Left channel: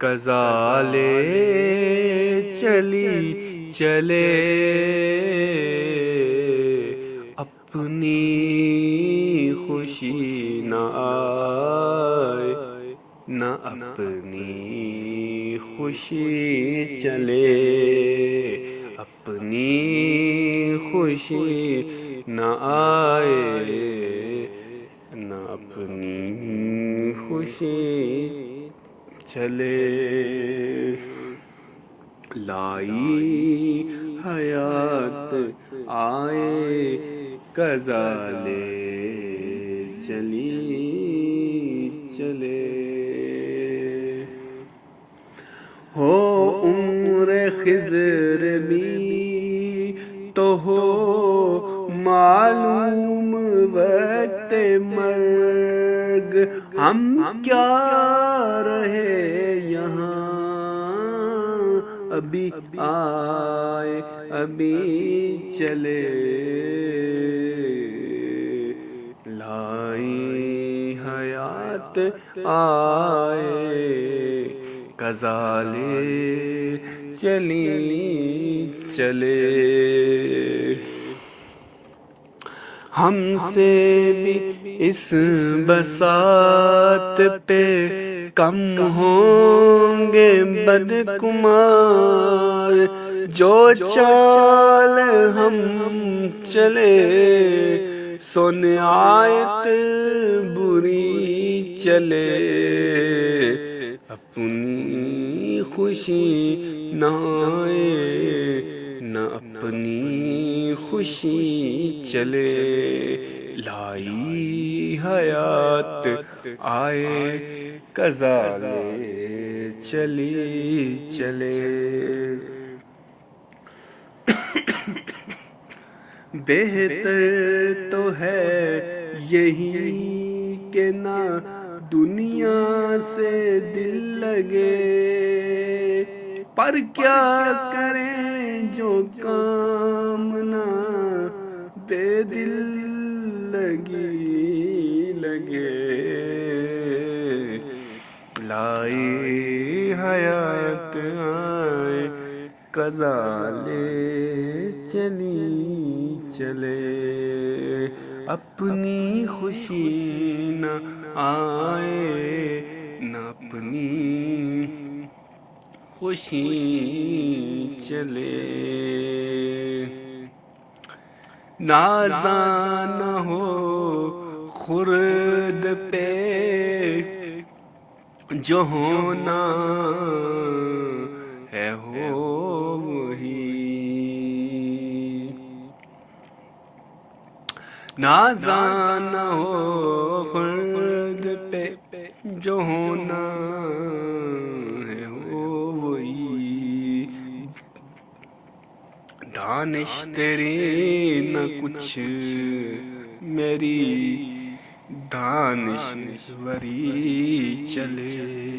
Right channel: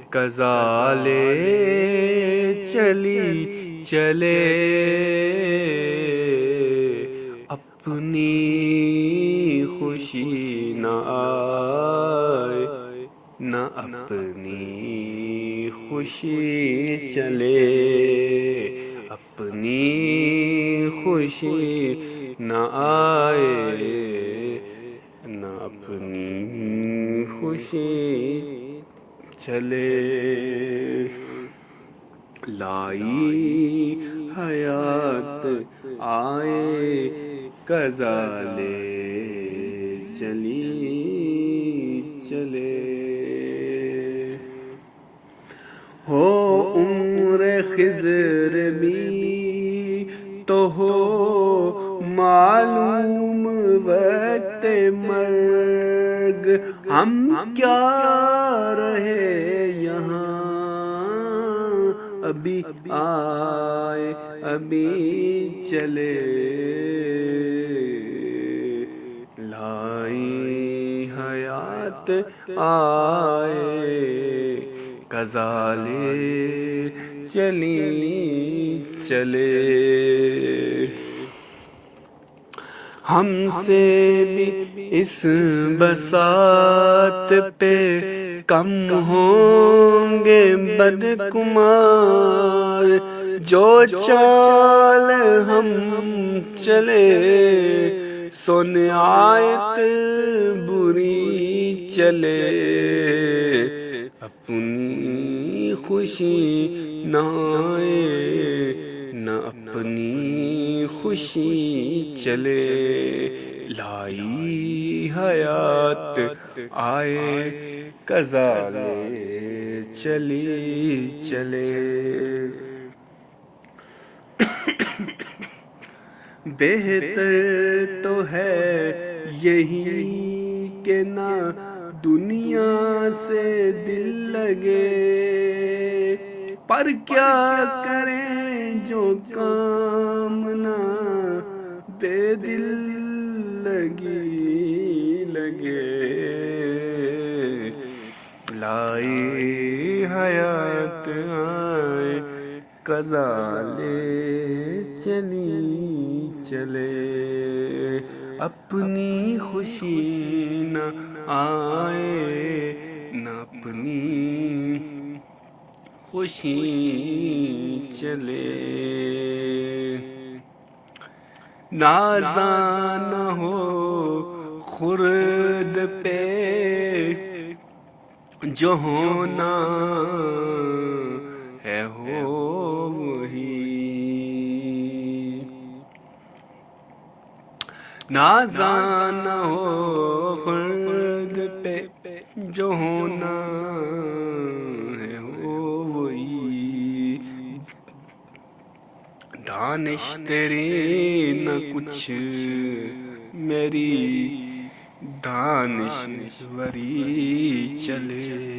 کزالے چلی چلے اپنی خوشی نہ آئے، نہ اپنی خوشی چلے، اپنی خوشی نہ آئے، نہ اپنی خوشی چلے۔ لائی حیات آئے کزالے چلی چلے، ہو عمر خضر بھی تو ہو معلوم وقت مرگ، ہم کیا رہے یہاں ابھی آئے ابھی چلے۔ لائی حیات آئے کزالے چلی چلے، ہم سے اس بساط پہ کم ہوں گے بدگمار، جو چال ہم چلے سو نہایت بری چلے، اپنی خوشی نہ آئے، نہ اپنی خوشی چلے۔ لائی حیات آئے کزالے چلی چلے، بہتر تو ہے یہی کہ نہ دنیا سے دل لگے، پر کیا کریں جو کام نہ بے دل لگے۔ لائی حیات آئے کزالے چلی چلے، اپنی خوشی نہ آئے، نہ اپنی خوشی چلے۔ نازاں نہ ہو خرد پہ جو ہونا ہے ہوئی، نازاں نہ ہو خرد پہ جو ہونا ہے ہوئی، دانش تیری نہ کچھ میری دانش وہی چلے۔